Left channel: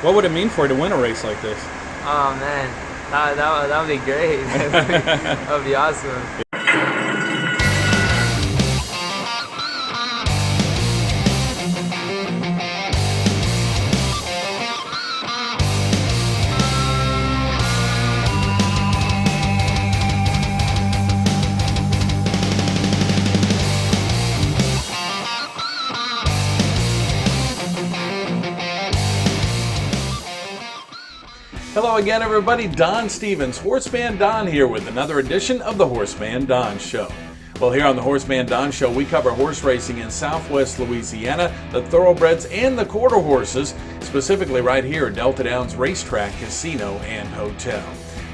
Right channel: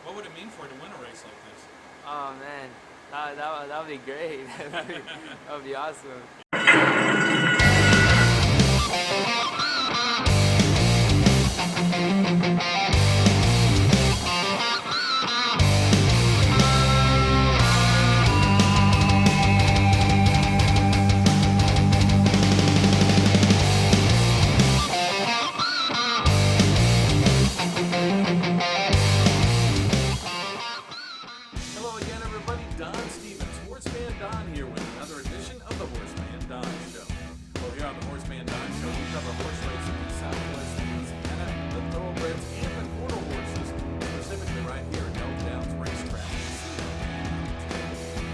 What would it mean for you to win a race like this? Oh man, that would be great. That would be awesome. Hello again, everybody. Don Stevens, Horseman Don here with another edition of the Horseman Don Show. Well, here on the Horseman Don Show, we cover horse racing in Southwest Louisiana, the thoroughbreds and the quarter horses, specifically right here at Delta Downs Racetrack, Casino, and Hotel.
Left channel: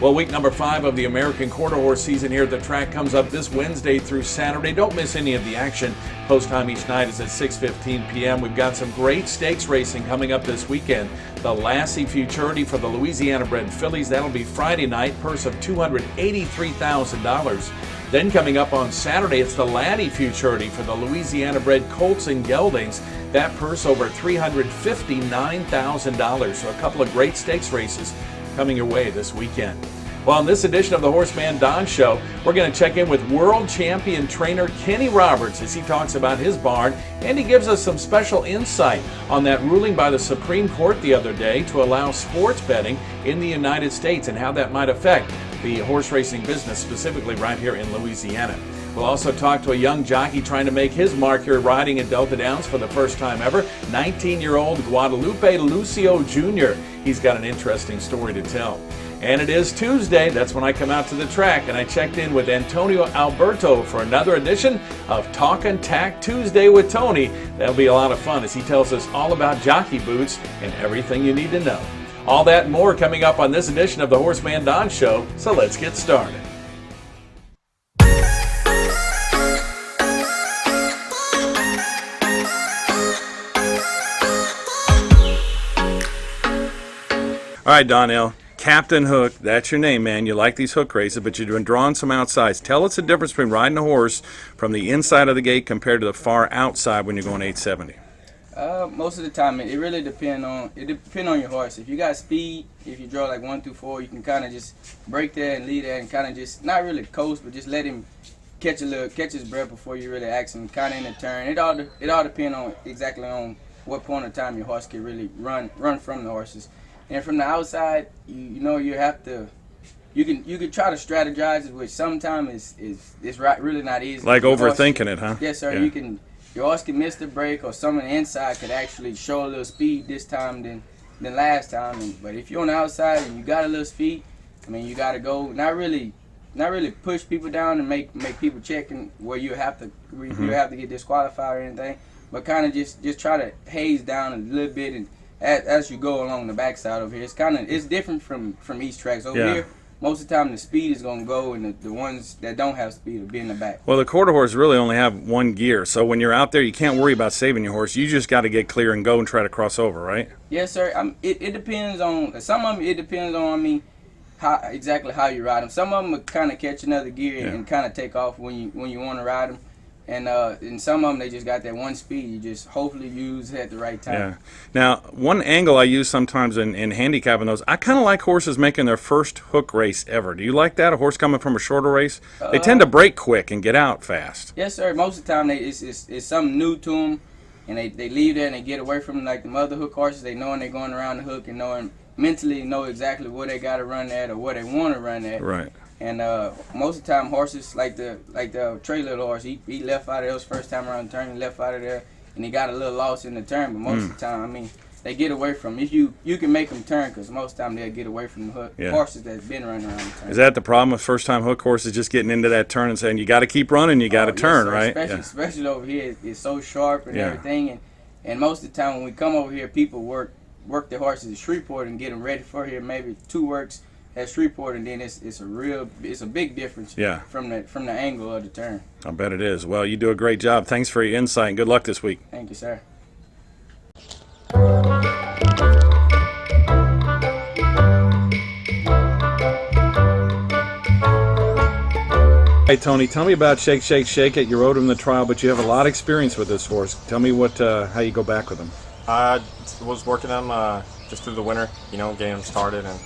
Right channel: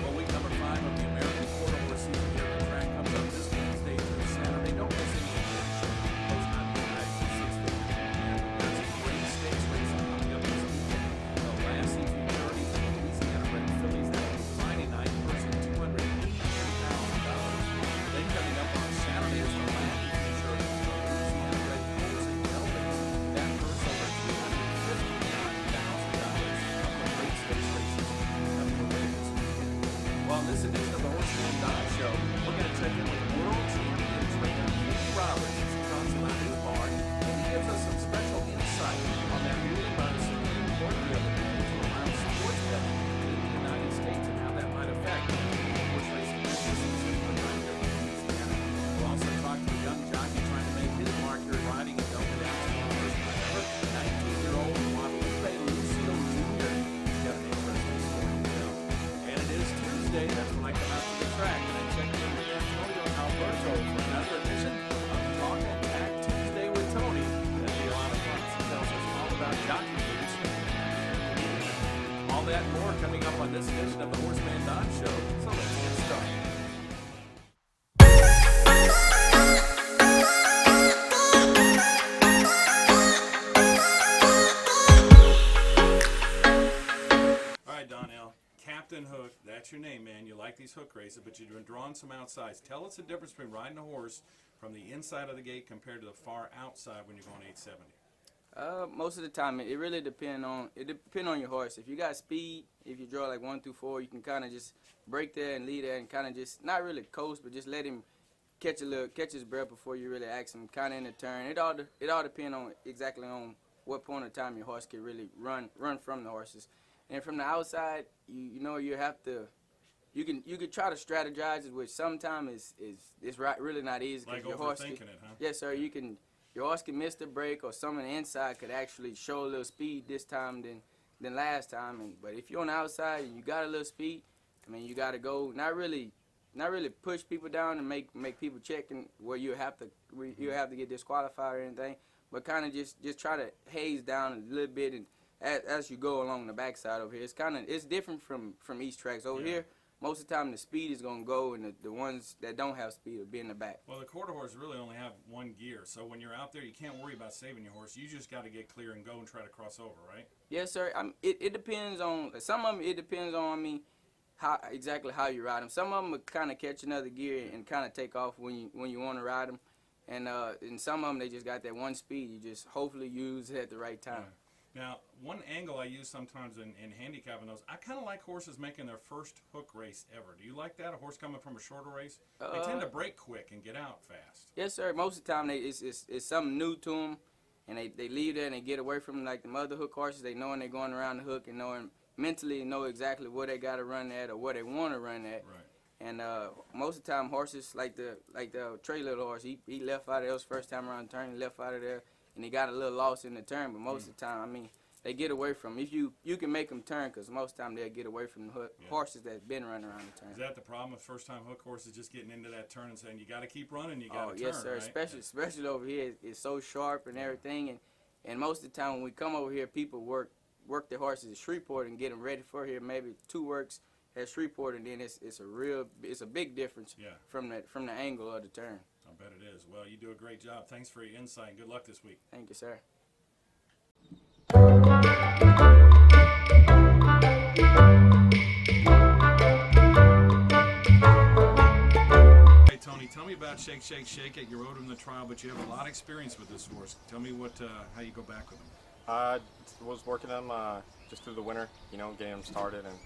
Well, week number 5 of the American Quarter Horse season here at the track comes up this Wednesday through Saturday. Don't miss any of the action. Post time each night is at 6:15 p.m. We've got some great stakes racing coming up this weekend. The Lassie Futurity for the Louisiana-bred fillies. That'll be Friday night, purse of $283,000. Then coming up on Saturday, it's the Laddie Futurity for the Louisiana-bred colts and geldings. That purse over $359,000. So a couple of great stakes races coming your way this weekend. Well, in this edition of the Horseman Don Show, we're going to check in with world champion trainer Kenneth Roberts as he talks about his barn, and he gives us some special insight on that ruling by the Supreme Court the other day to allow sports betting in the United States and how that might affect the horse racing business, specifically right here in Louisiana. We'll also talk to a young jockey trying to make his mark here riding at Delta Downs for the first time ever, 19-year-old Guadalupe Lucio Jr. He's got an interesting story to tell. And it is Tuesday. That's when I come out to the track, and I checked in with Antonio Alberto for another edition of Talkin' Tack Tuesday with Tony. That'll be a lot of fun as he tells us all about jockey boots and everything you need to know. All that and more coming up on this edition of the Horseman Don Show, so let's get started. All right, Donell. Captain Hook, that's your name, man. You like these hook races, but you've been drawing some outsides. Tell us the difference between riding a horse from the inside of the gate compared to the far outside when you're going 870. Most of the time, it really depends on your horse. If you got speed, if you draw like 1 through 4, you can kind of just break there and lead there and kind of just not really coast, but just let him catch his breath before you really ask him, kind of in a turn. It all depends on exactly on what point of time your horse can really run from the horses. And from the outside, you know you have to. You can try to strategize, which sometimes is really not easy. Like overthinking it, huh? Yes, sir. Yeah. Your horse can miss the break, or some on the inside could actually show a little speed this time than last time. But if you're on the outside and you got a little speed, I mean, you got to go not really push people down and make people check and where you have to get disqualified or anything, but kind of just try to haze down a little bit and. As you go along the backside over here, it's different from East tracks. Over here, most of the time the speed is going to go, and the ones that don't have speed will be in the back. Well, the quarter horse really only have one gear, so when you're out there, you can't worry about saving your horse. You just got to get clear and go and try to cross over, right? Yes, sir. It depends on some of them. It depends on exactly how you ride them. Some of them will kind of catch another gear and kind of take off when you want to ride them. And some of them, they just got that one speed. You just hopefully use it at the right time. Yeah. Now, one angle I use sometimes in handicapping those, I kind of like horses making their first hook race ever. Do you like that? A horse coming from a shorter race? They tend to break quick and get out fast. Yes, sir. Most of the time, it's something new to them, and they leave there and they get away from like the other hook horses. They knowing they're going around the hook and mentally know exactly where they got to run at or where they want to run at. Right. And most of the time, horses like the trailer horse, he left out of there his first time around the turn, he left out of there, and he got a little lost in the turn. But most of the time, I mean, they get away from him. If you can make them turn, because most of the time they'll get away from the horses that's been running around the turn. Is that the problem with first-time hook horses, just getting into that turn and saying, you got to keep running, you got to turn, right? Especially over here, it's so sharp and everything. And most of the time when we come over here, people work their horses at Shreveport and get them ready for here, maybe 2 works at Shreveport, and then it's a big difference from the angle of the turn. I bet it is. Well, you do a great job. Thanks for your insight, and good luck this week. Thank you, sir. Hey, Tony, tell me about Shake, Shake, Shake It. You rode him in the trial, but you have a lot of experience with this horse. Tell me how you go back with him. I was working on just through the winter, you know, getting them started and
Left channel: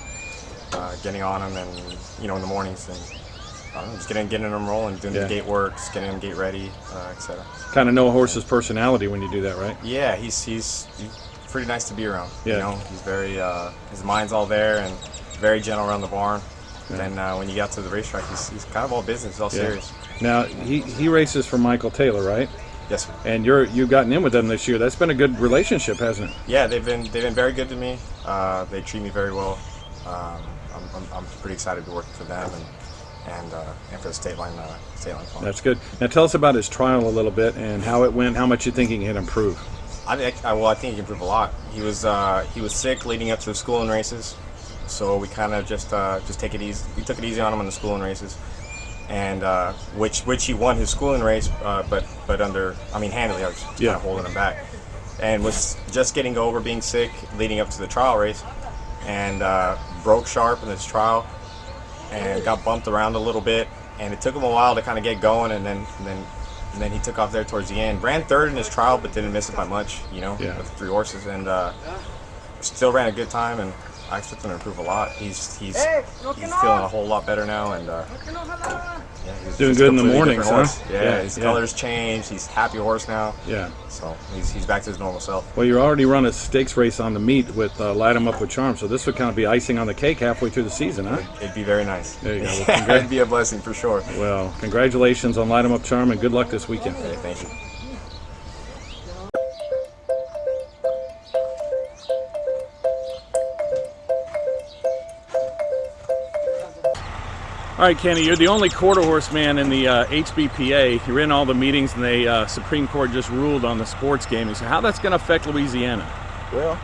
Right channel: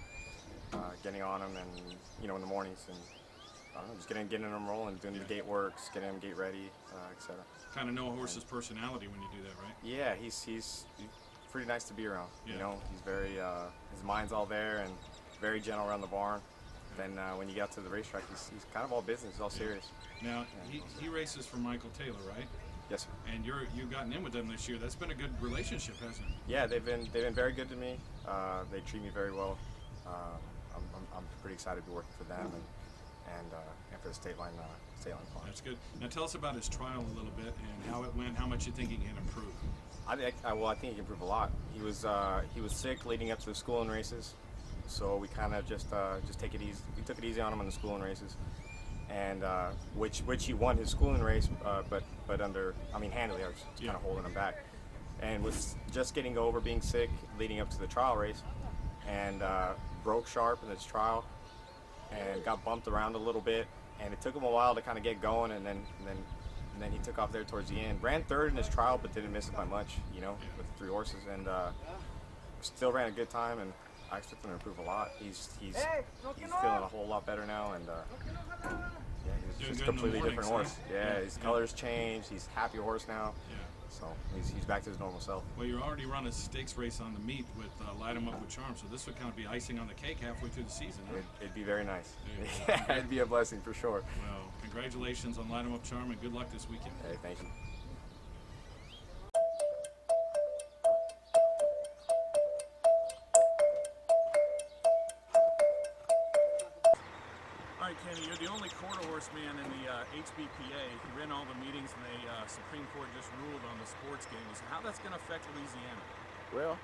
getting on them, and you know, in the mornings, and just getting them rolling, doing the gate works, getting them gate ready, etc. Kind of know a horse's personality when you do that, right? Yeah, he's pretty nice to be around. Yeah. You know, he's very his mind's all there and very gentle around the barn. Yeah. And when you get to the racetrack, he's kind of all business, he's all serious. Now he races for Michael Taylor, right? Yes, sir. And you've gotten in with them this year. That's been a good relationship, hasn't it? Yeah, they've been very good to me. They treat me very well. I'm pretty excited to be working for them and for the state line farm. That's good. Now tell us about his trial a little bit and how it went. How much you think he can improve? I think he can improve a lot. He was sick leading up to the schooling races, so we kind of just take it easy. We took it easy on him in the schooling races, and which he won his schooling race, but handily. I was kind of holding him back, and was just getting over being sick leading up to the trial race, and broke sharp in his trial, and got bumped around a little bit, and it took him a while to kind of get going, and then he took off there towards the end. Ran third in his trial, but didn't miss it by much, you know, with the 3 horses, and still ran a good time, and I expect him to improve a lot. He's feeling a whole lot better now, and he's doing good in the mornings, huh? Yeah, his colors changed. He's a happy horse now. Yeah. So he's back to his normal self. Well, you already run a stakes race on the meet with Light 'em Up with Charm, so this would kind of be icing on the cake halfway through the season, huh? It'd be very nice. There you go. Well, it'd be a blessing for sure. Well, congratulations on Light 'em Up Charm, and good luck this weekend. Okay, thank you. All right, Kenny, you're the only quarter horse man in the HBPA. You're in all the meetings, and the Supreme Court just ruled on the sports gaming. So how that's going to affect Louisiana? Well,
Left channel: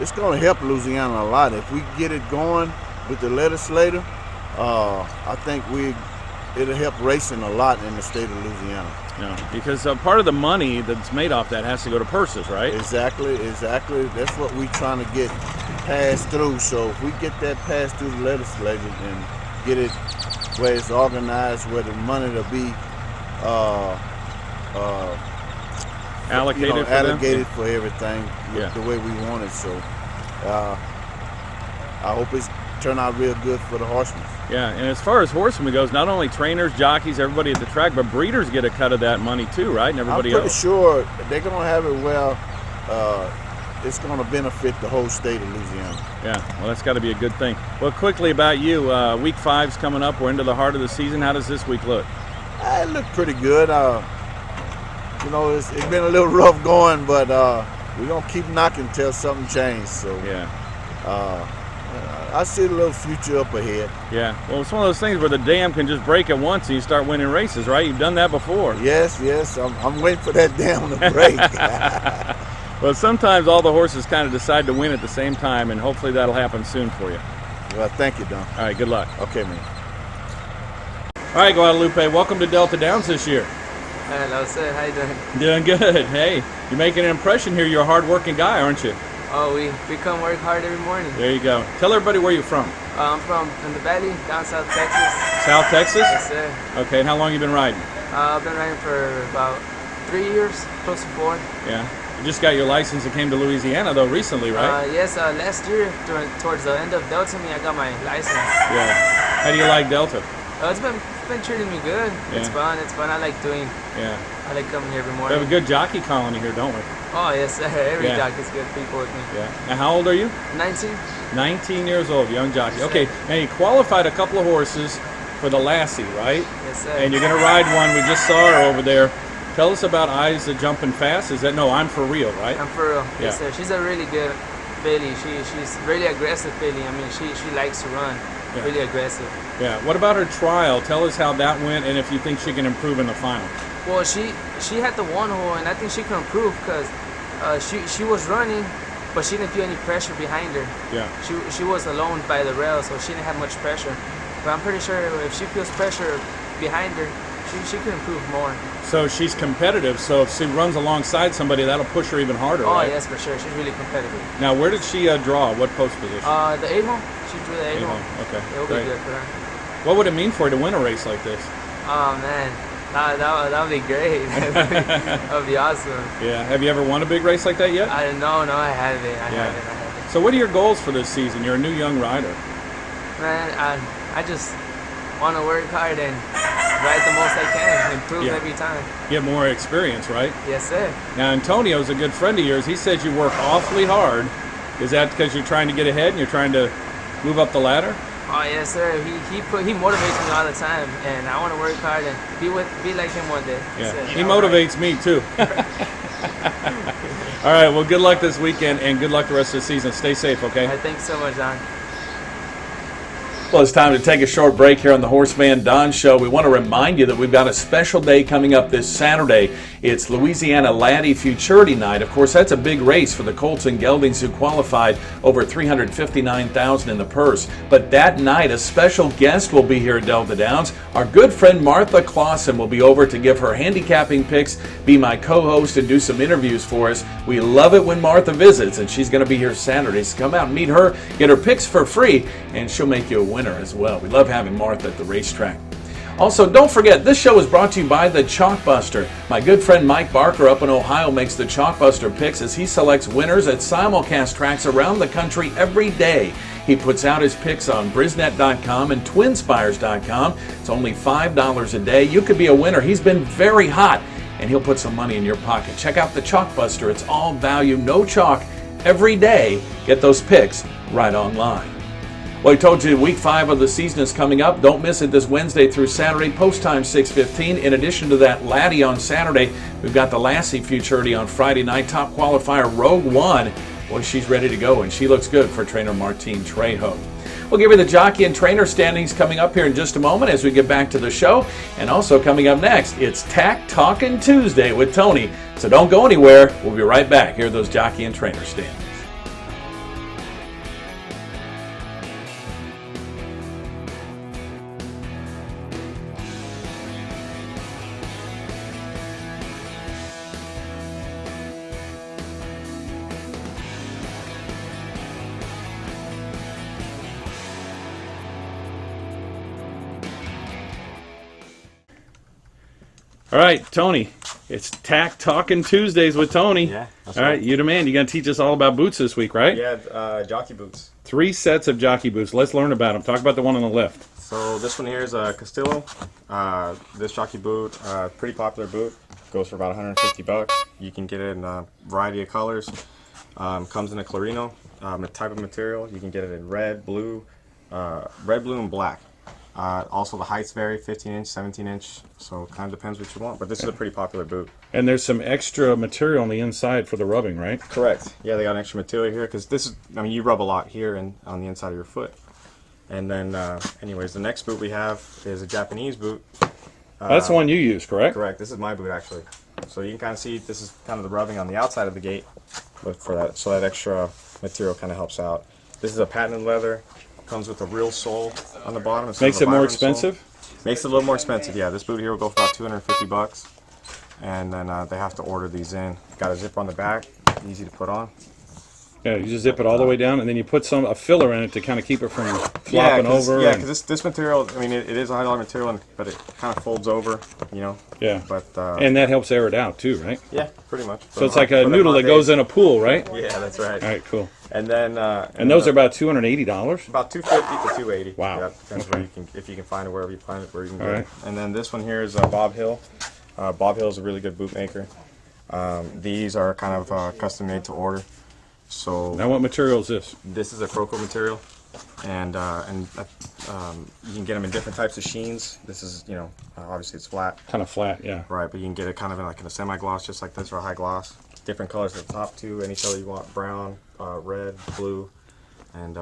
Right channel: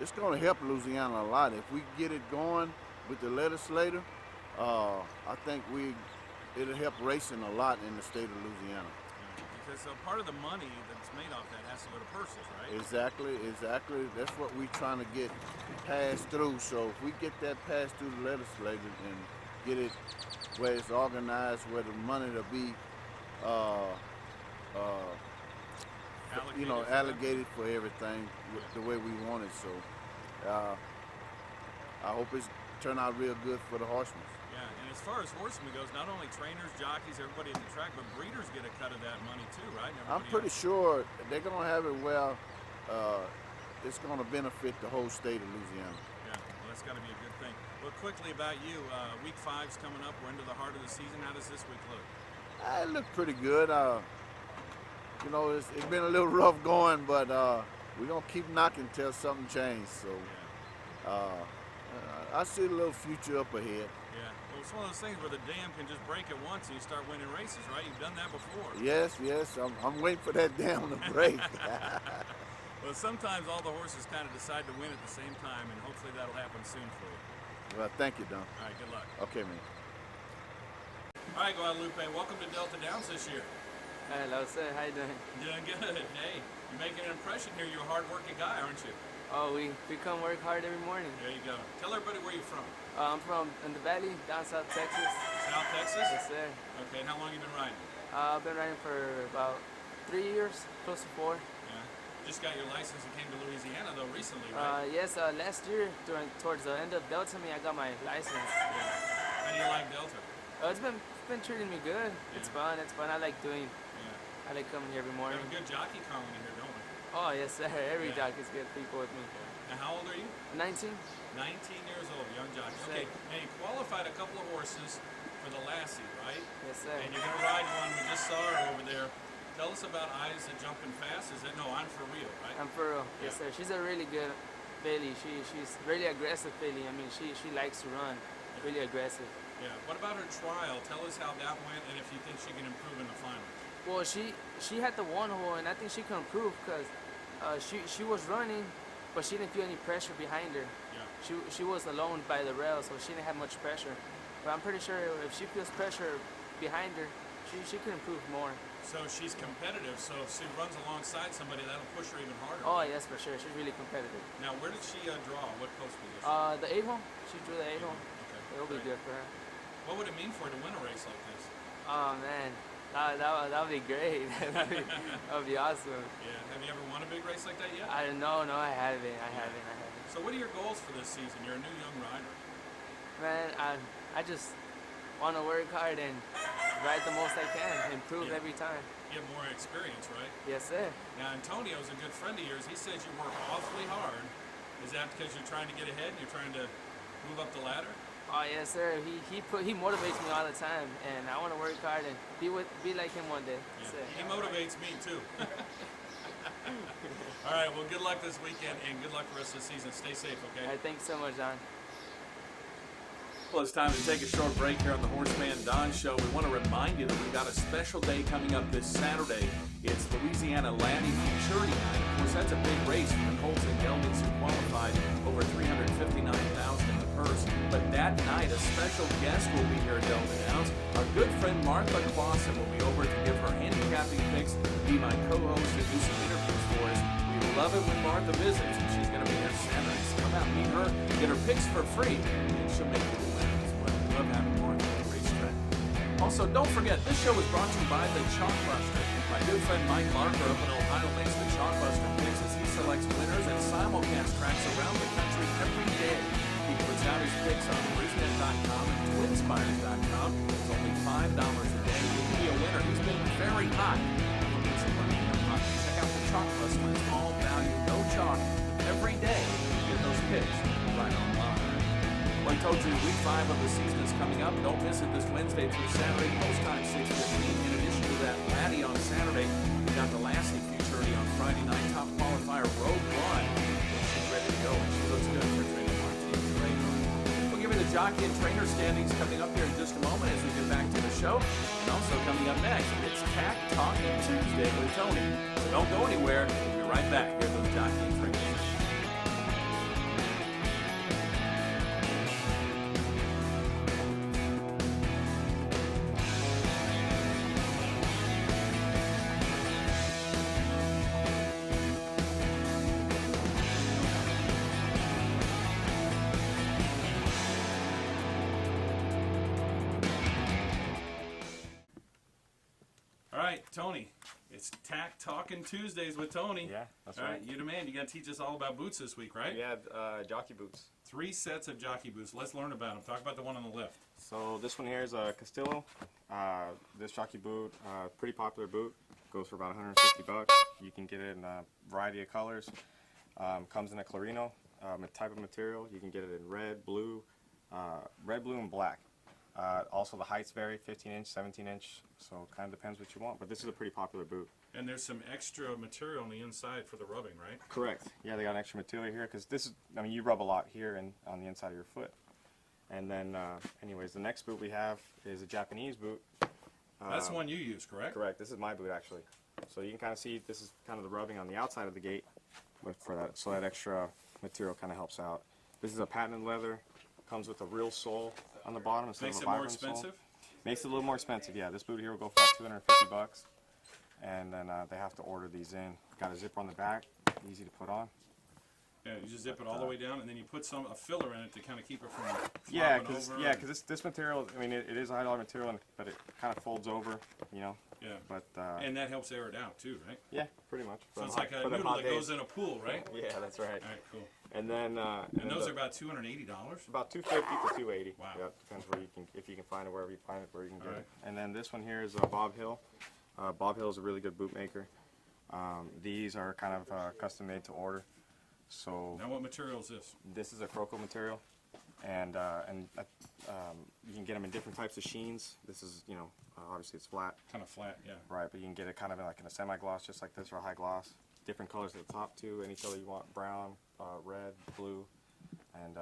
it's going to help Louisiana a lot. If we get it going with the legislature, I think it'll help racing a lot in the state of Louisiana. Yeah, because part of the money that's made off that has to go to purses, right? Exactly. That's what we're trying to get passed through. So if we get that passed through the legislature and get it where it's organized, where the money will be allocated for everything, the way we want it. So I hope it's turn out real good for the horsemen. Yeah, and as far as horsemen goes, not only trainers, jockeys, everybody at the track, but breeders get a cut of that money too, right? And everybody else. I'm pretty sure they're going to have it well. It's going to benefit the whole state of Louisiana. Yeah, well, that's got to be a good thing. Well, quickly about you, week 5's coming up. We're into the heart of the season. How does this week look? It looked pretty good. You know, it's been a little rough going, but we're going to keep knocking until something changes. So, yeah. I see a little future up ahead. Yeah, well, it's one of those things where the dam can just break at once and you start winning races, right? You've done that before. Yes, I'm waiting for that dam to break. Well, sometimes all the horses kind of decide to win at the same time, and hopefully that'll happen soon for you. Well, thank you, Don. All right, good luck. Okay, man. All right, Guadalupe, welcome to Delta Downs this year. Hello, sir. How you Doing doing? good. Hey, you're making an impression here. You're a hard-working guy, aren't you? Oh, we come work hard every morning. There you go. Tell everybody where you're from. I'm from in the valley, down South Texas. South Texas? Yes, sir. Okay, and how long you been riding? I've been riding for about 3 years, close to 4. Yeah. You just got your license and came to Louisiana, though, recently, right? Yes, last year, towards the end of Delta, I got my license. Yeah. How do you like Delta? It's been treating me good. Yeah. It's fun. I like doing. Yeah. I like coming here every We morning. have a good jockey colony here, don't we? Oh, yes, sir. Every jockey's good people with me. Yeah. Now, how old are you? 19. 19 years old, young jockey. Okay, now you qualified a couple of horses for the Lassie, right? Yes, sir. And you're going to ride one. We just saw her over there. Tell us about Eyes That Jumping Fast. Is that, no, I'm for real, right? I'm for real. Yeah. Yes, sir. She's a really good filly. She's really aggressive filly. I mean, she likes to run. Yeah. Really aggressive. Yeah. What about her trial? Tell us how that went and if you think she can improve in the final. Well, she had the one hole, and I think she can improve because she was running, but she didn't feel any pressure behind her. Yeah. She was alone by the rail, so she didn't have much pressure. But I'm pretty sure if she feels pressure behind her, she can improve more. So she's competitive, so if she runs alongside somebody, that'll push her even harder, Oh, right? yes, for sure. She's really competitive. Now, where did she draw? What post position? The 8-hole. She drew the 8-hole. Okay, It'll great. be good for her. What would it mean for her to win a race like this? Oh, man. That would be great. That would be awesome. Yeah. Have you ever won a big race like that yet? No, I haven't. I haven't. So what are your goals for this season? You're a new young rider. Man, I just want to work hard and ride the most I can, improve every time. Get more experience, right? Yes, sir. Now, Antonio's a good friend of yours. He says you work awfully hard. Is that because you're trying to get ahead and you're trying to move up the ladder? Oh, yes, sir. He motivates me all the time, and I want to work hard and be like him one day. Yeah, So, he motivates me too. All right, well, good luck this weekend and good luck the rest of the season. Stay safe, okay? Thanks so much, Don. Well, it's time to take a short break here on the HorseManDon Show. We want to remind you that we've got a special day coming up this Saturday. It's Louisiana Laddie Futurity Night. Of course, that's a big race for the colts and geldings who qualified, over $359,000 in the purse. But that night, a special guest will be here at Delta Downs. Our good friend Martha Clausen will be over to give her handicapping picks, be my co-host, and do some interviews for us. We love it when Martha visits, and she's going to be here Saturday. So come out and meet her, get her picks for free, and she'll make you a winner as well. We love having Martha at the racetrack. Also, don't forget, this show is brought to you by the Chalkbuster. My good friend Mike Barker up in Ohio makes the Chalkbuster picks as he selects winners at simulcast tracks around the country every day. He puts out his picks on Brisnet.com and Twinspires.com. It's only $5 a day. You could be a winner. He's been very hot, and he'll put some money in your pocket. Check out the Chalkbuster. It's all value, no chalk, every day. Get those picks right online. Well, I told you week 5 of the season is coming up. Don't miss it this Wednesday through Saturday, post time 6:15. In addition to that Laddie on Saturday, we've got the Lassie Futurity on Friday night. Top qualifier Rogue One. Well, she's ready to go, and she looks good for trainer Martine Trejo. We'll give you the jockey and trainer standings coming up here in just a moment as we get back to the show. And also coming up next, it's Tack Talkin Tuesday with Tony. So don't go anywhere. We'll be right back. Here are those jockey and trainer standings. All right, Tony, it's Tack Talkin Tuesdays with Tony. Yeah. All right, you the man. You're going to teach us all about boots this week, right? Yeah, jockey boots. 3 sets of jockey boots. Let's learn about them. Talk about the one on the left. So this one here is a Castillo. This jockey boot, pretty popular boot. Goes for about $150. You can get it in a variety of colors. Comes in a Clarino type of material. You can get it in red, blue, and black. Also the heights vary, 15-inch, 17-inch, so it kind of depends what you want. But this is a pretty popular boot. And there's some extra material on the inside for the rubbing, right? Correct. Yeah, they got extra material here because this is, I mean, you rub a lot here and on the inside of your foot. And then, anyways, the next boot we have is a Japanese boot. That's the one you use, correct? Correct. This is my boot actually. So you can kind of see this is kind of the rubbing on the outside of the gate, but for that, so that extra material kind of helps out. This is a patented leather. Comes with a real sole on the bottom. Makes it more expensive? Sole. Makes it a little more expensive, yeah. This boot here will go for about $250. And then they have to order these in. Got a zipper on the back, easy to put on. Yeah, you just zip it all the way down, and then you put a filler in it to kind of keep it from flopping over. Yeah, because this material, I mean, it is a $100 material, but it kind of folds over, you know. Yeah. But and that helps air it out too, right? Yeah, pretty much. So it's like a noodle that goes in a pool, right? Yeah, that's right. All right, cool. And then and those are about $280. About $250 to $280. Wow. Yeah, depends where you can, if you can find it, wherever you find it, where you can All get right. it. And then this one here is Bob Hill. Bob Hill is a really good boot maker. These are kind of custom made to order. So now, what material is this? This is a croco material, and you can get them in different types of sheens. This is, you know, obviously it's flat. Kind of flat, yeah. Right, but you can get it kind of in like in a semi-gloss, just like this, or a high gloss. Different colors at the top too. Any color you want: brown, red, blue, and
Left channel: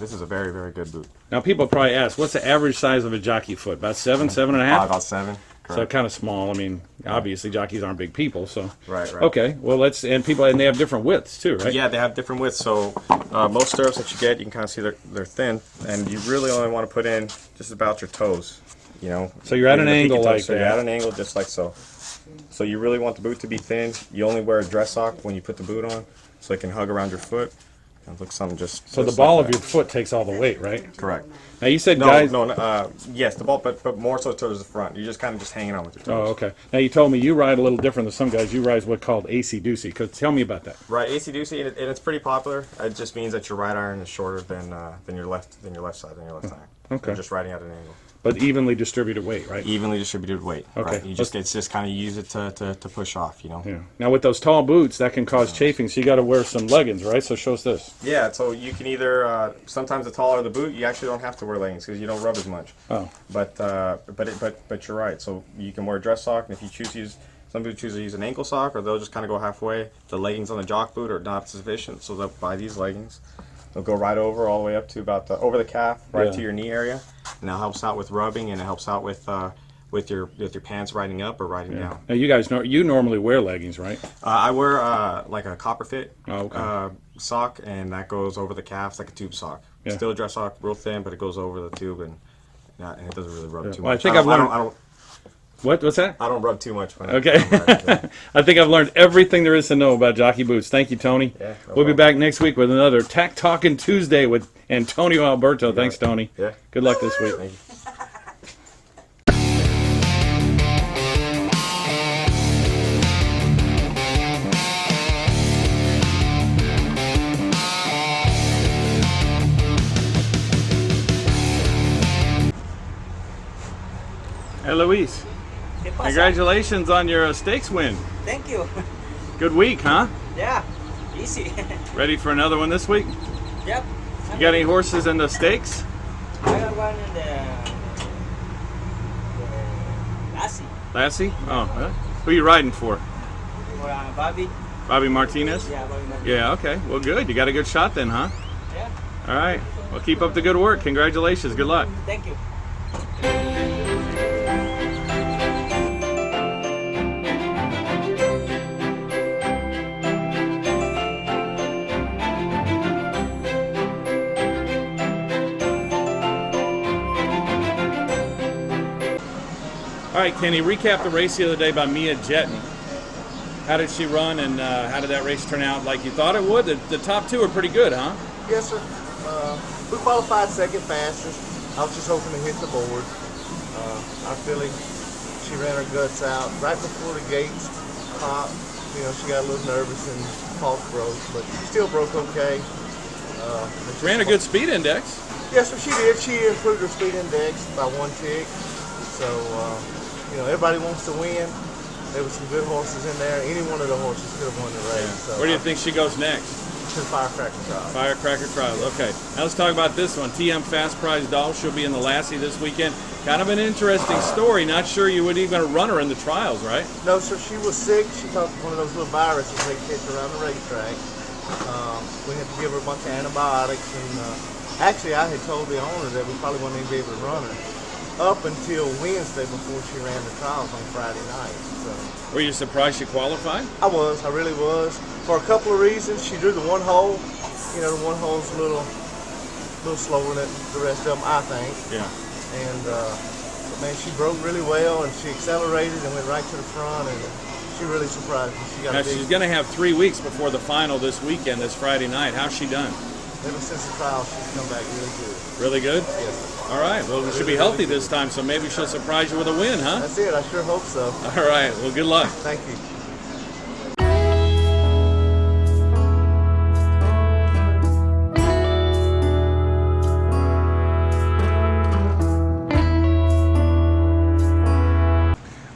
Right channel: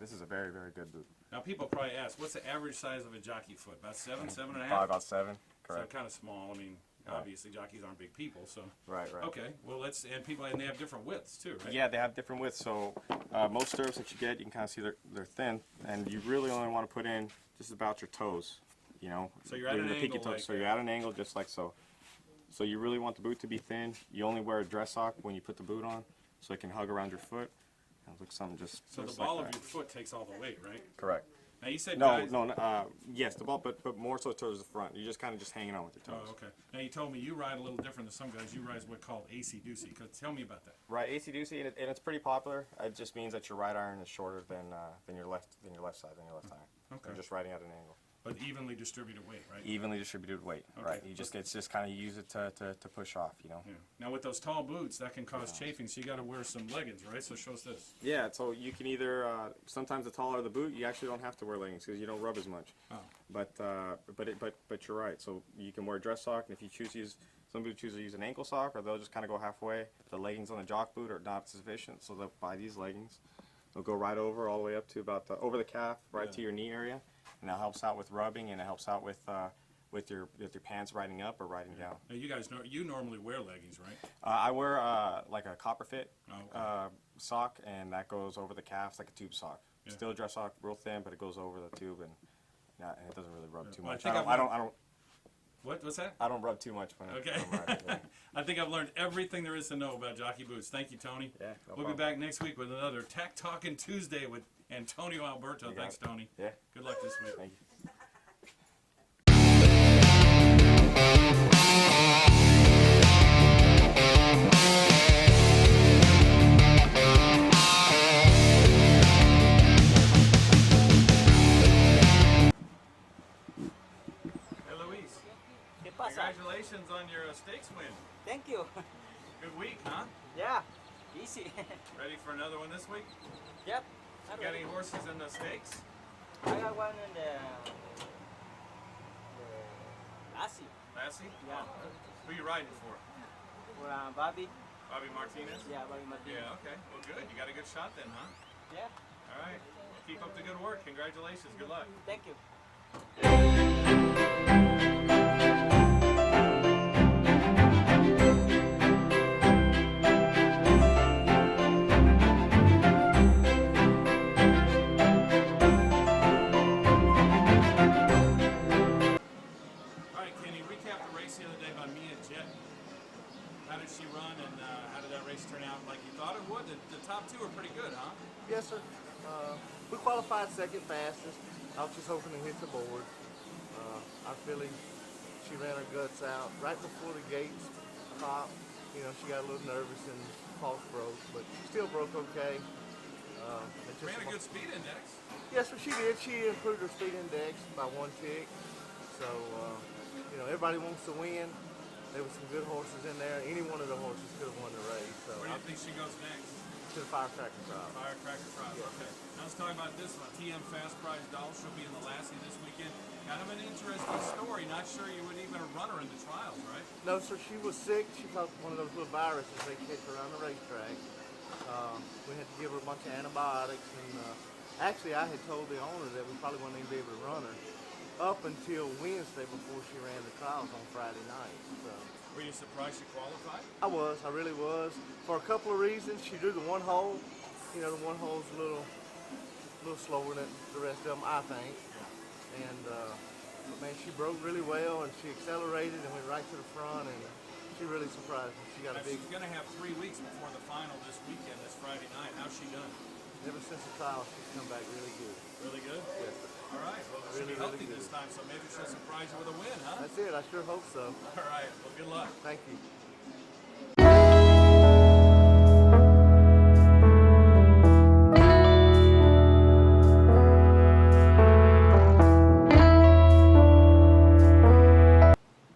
this is a very, very good boot. Now, people probably ask, what's the average size of a jockey foot? About 7, 7.5? About 7. Correct. So kind of small. I mean, obviously jockeys aren't big people, so. Right. Okay, well and they have different widths too, right? Yeah, they have different widths. So most stirrups that you get, you can kind of see they're thin, and you really only want to put in just about your toes, you know. So you're at an angle like so that. you're at an angle just like so. So you really want the boot to be thin. You only wear a dress sock when you put the boot on, so it can hug around your foot. It looks something just. So just the ball like of your foot takes all the weight, right? Correct. Now you said No, guys. yes, the ball, but more so towards the front. You're just kind of just hanging on with your Oh, toes. okay. Now you told me you ride a little different than some guys. You ride what's called AC-doocy. Tell me about that. Right, AC-doocy, and it's pretty popular. It just means that your right iron is shorter than your left side, than your left iron. Okay. You're just riding at an angle. But evenly distributed weight, right? Evenly distributed weight. Okay. Right? It's just kind of use it to push off, you know. Yeah. Now with those tall boots, that can cause chafing, so you got to wear some leggings, right? So show us this. Yeah, so you can either sometimes the taller the boot, you actually don't have to wear leggings because you don't rub as much. Oh. But you're right. So you can wear a dress sock, and if you choose to use, some people choose to use an ankle sock, or they'll just kind of go halfway. The leggings on the jock boot are not sufficient, so they'll buy these leggings. They'll go right over, all the way up to about over the calf, right to your knee area, and that helps out with rubbing, and it helps out with your pants riding up or riding down. Now you guys know you normally wear leggings, right? I wear like a copper fit okay. sock, and that goes over the calves like a tube sock. Yeah. Still a dress sock, real thin, but it goes over the tube, and it doesn't really rub too much. Well, I think I've learned. I don't, What's that? I don't rub too much. Okay. I think I've learned everything there is to know about jockey boots. Thank you, Tony. Yeah, we'll be back next week with another Tack Talkin' Tuesday with Antonio Alberto. Thanks, Tony. Yeah. Good luck this week. Thank you. Hey, Louise. Congratulations on your stakes win. Thank you. Good week, huh? Yeah, easy. Ready for another one this week? Yep. You got any horses in the stakes? I got one in the Lassie. Lassie? Oh, huh? Who are you riding for? Or Bobby. Bobby Martinez? Yeah, Bobby. Yeah, okay. Well, good. You got a good shot then, huh? Yeah. All right. Well, keep up the good work. Congratulations. Good luck. Thank you. All right, Kenny, recap the race the other day by Mia Jetton. How did she run, and how did that race turn out like you thought it would? The top two are pretty good, huh? Yes, sir. We qualified second fastest. I was just hoping to hit the board. Our filly, she ran her guts out right before the gates popped. You know, she got a little nervous and false broke, but still broke okay. Ran a good speed index. Yes, sir, she did. She improved her speed index by 1 tick. So, you know, everybody wants to win. There were some good horses in there. Any one of the horses could have won the race. Yeah. So, Where do you think she goes next? to the Firecracker Trial. Firecracker Trials. Okay. Now let's talk about this one. TM Fast Prize Doll. She'll be in the Lassie this weekend. Kind of an interesting story. Not sure you would even run her in the trials, right? No, sir. She was sick. She caught one of those little viruses they catch around the racetrack. We had to give her a bunch of antibiotics, and actually, I had told the owner that we probably wouldn't even be able to run her up until Wednesday before she ran the trials on Friday night. So Were you surprised she qualified? I really was. For a couple of reasons. She drew the one hole. You know, the one hole's a little slower than the rest of them, I think. Yeah. And man, she broke really well, and she accelerated and went right to the front, and she really surprised me. She got Now a big, she's going to have 3 weeks before the final this weekend, this Friday night. How's she done? ever since the trial, she's come back really good. Really good? Yes. All right. Well, we should be healthy this time, so maybe she'll surprise you with a win, huh? That's it. I sure hope so. All right. Well, good luck. Thank you.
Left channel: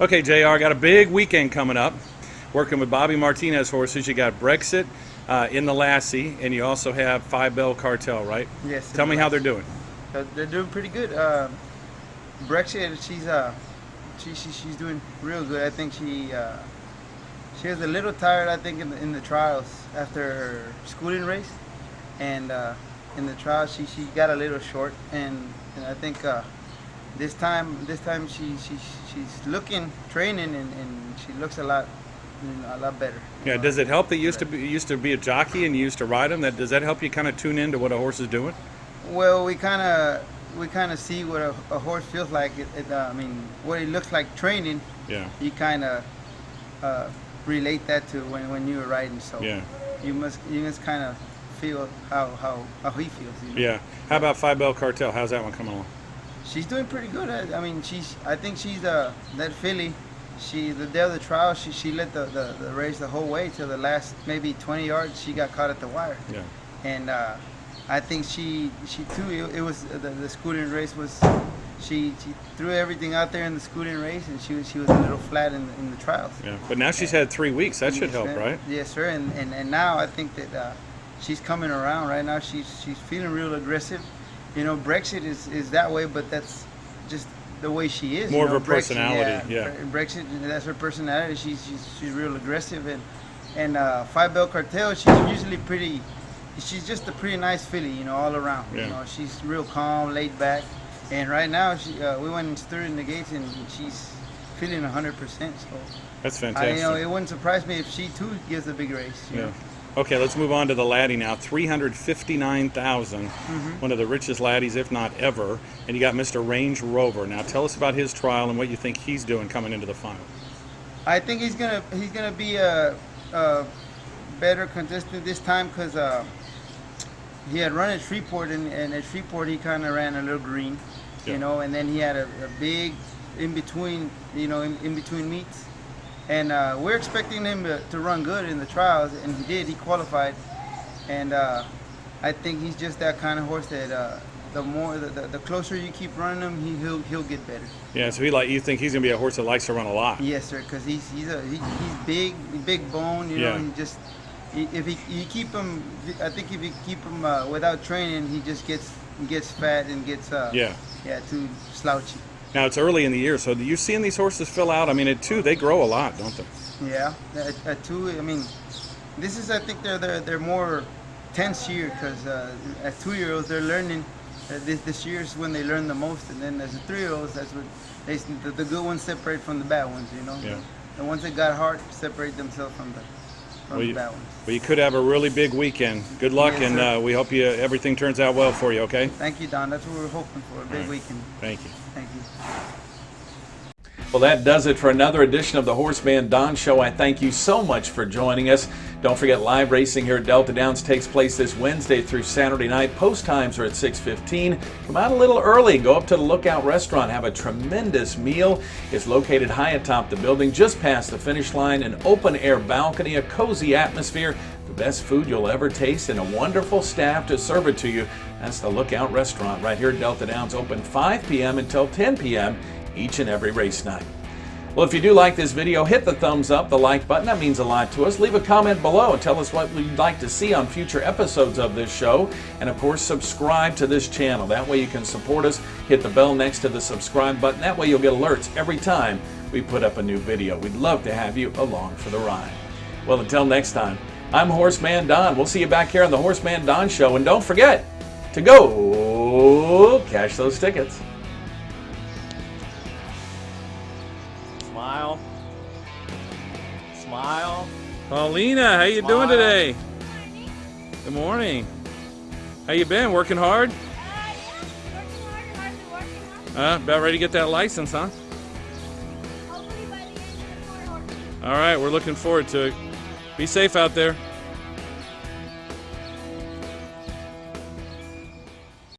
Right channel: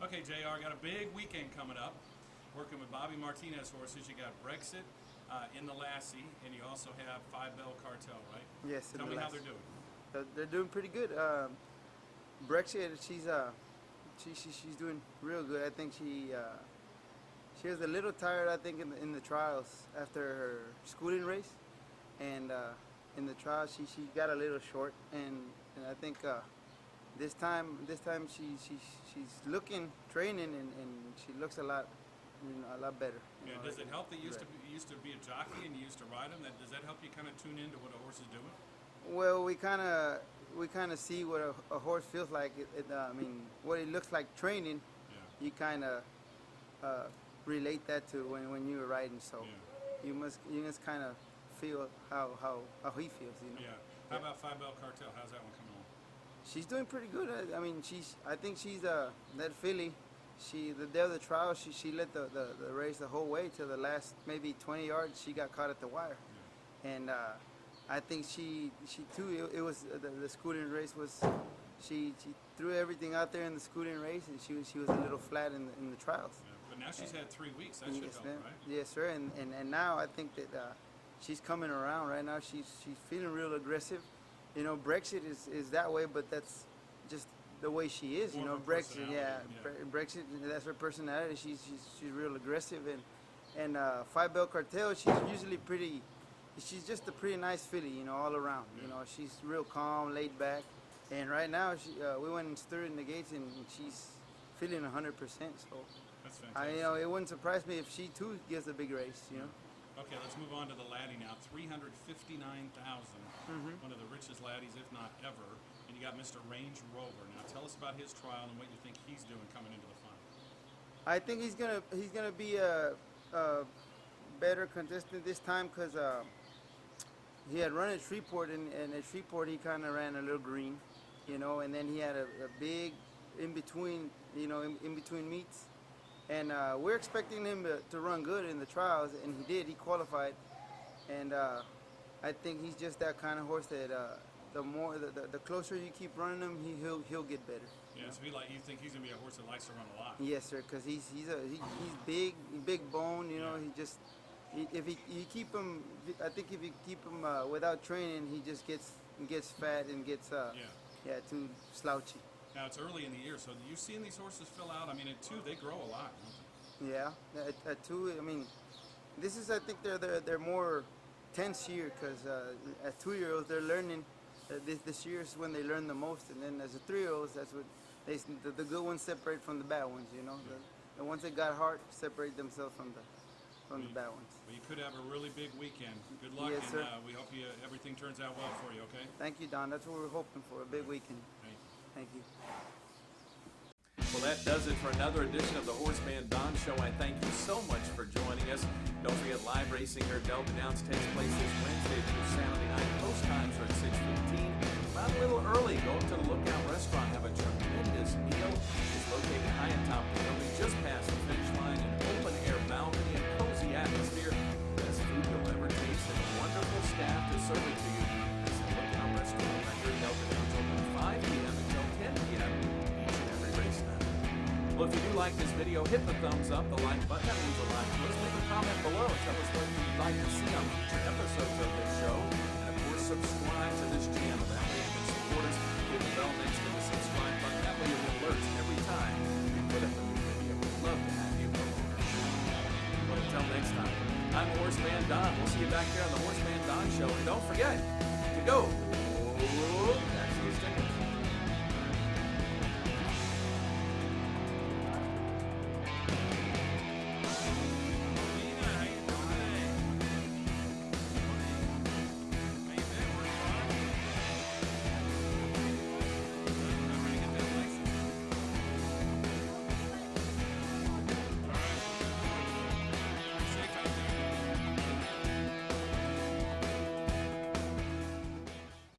Okay, JR, got a big weekend coming up. Working with Bobby Martinez horses. You got Brexit in the Lassie, and you also have 5 Bell Cartel, right? Yes. Tell me how they're doing. They're doing pretty good. Brexit, she's doing real good. I think she was a little tired, I think, in the trials after her schooling race, and in the trials she got a little short, and I think this time she's looking, training, and she looks a lot better. Yeah. Does it help that you used to be a jockey and you used to ride them? Does that help you kind of tune into what a horse is doing? Well, we kind of see what a horse feels like. I mean, what it looks like training. Yeah. You kind of relate that to when you were riding. So Yeah. you must kind of feel how he feels. You know? Yeah. How about Five Bell Cartel? How's that one coming along? She's doing pretty good. I mean, I think she's that filly. The day of the trial, she led the race the whole way till the last maybe 20 yards. She got caught at the wire. Yeah. And I think she too. It was the scooting race was. She threw everything out there in the scooting race, and she was a little flat in the trials. Yeah. But now she's had 3 weeks. That should help, right? Yes, sir. And now I think that she's coming around. Right now she's feeling real aggressive. You know, Brexit is that way, but that's just the way she is. More you know, of her personality, yeah. Brexit, that's her personality. She's real aggressive, and Five Bell Cartel, she's usually pretty. She's just a pretty nice filly, you know, all around. Yeah. You know, she's real calm, laid back, and right now we went and stood in the gates, and she's feeling 100%. So that's fantastic. you know, it wouldn't surprise me if she too gives a big race. You know? Okay, let's move on to the laddie now. 359,000, one of the richest laddies, if not ever. And you got Mr. Range Rover. Now, tell us about his trial and what you think he's doing coming into the final. I think he's gonna be a better contestant this time because he had run at Shreveport, and at Shreveport he kind of ran a little green, you know, and then he had a big in between, you know, in between meets. And we're expecting him to run good in the trials, and he did. He qualified, and I think he's just that kind of horse that the closer you keep running him, he'll get better. Yeah, so you think he's gonna be a horse that likes to run a lot? Yes, sir, because he's big bone. You know, he just if you keep him, I think if you keep him without training, he just gets fat and gets too slouchy. Now, it's early in the year, so you seeing these horses fill out? I mean, at 2, they grow a lot, don't they? Yeah, at 2, I mean, this is, I think they're more tense year because as 2-year-olds, they're learning. This year is when they learn the most, and then as a 3-year-olds, that's when the good ones separate from the bad ones, you know? Yeah. The ones that got heart separate themselves from the bad ones. Well, you could have a really big weekend. Good luck, Yes, and we hope everything turns out well for you, okay? Thank you, Don. That's what we're hoping for, a big weekend. Thank you. Thank you. Well, that does it for another edition of the HorseManDon Show. I thank you so much for joining us. Don't forget, live racing here at Delta Downs takes place this Wednesday through Saturday night. Post times are at 6:15. Come out a little early. Go up to the Lookout Restaurant. Have a tremendous meal. It's located high atop the building, just past the finish line. An open-air balcony, a cozy atmosphere, the best food you'll ever taste, and a wonderful staff to serve it to you. That's the Lookout Restaurant right here at Delta Downs, open 5 p.m. until 10 p.m. each and every race night. Well, if you do like this video, hit the thumbs up, the like button. That means a lot to us. Leave a comment below and tell us what you'd like to see on future episodes of this show. And, of course, subscribe to this channel. That way you can support us. Hit the bell next to the subscribe button. That way you'll get alerts every time we put up a new video. We'd love to have you along for the ride. Well, until next time, I'm Horseman Don. We'll see you back here on the HorseManDon Show. And don't forget to go cash those tickets. Paulina, how you doing today? Good morning. How you been? Working hard? About ready to get that license, huh? All right, we're looking forward to it. Be safe out there.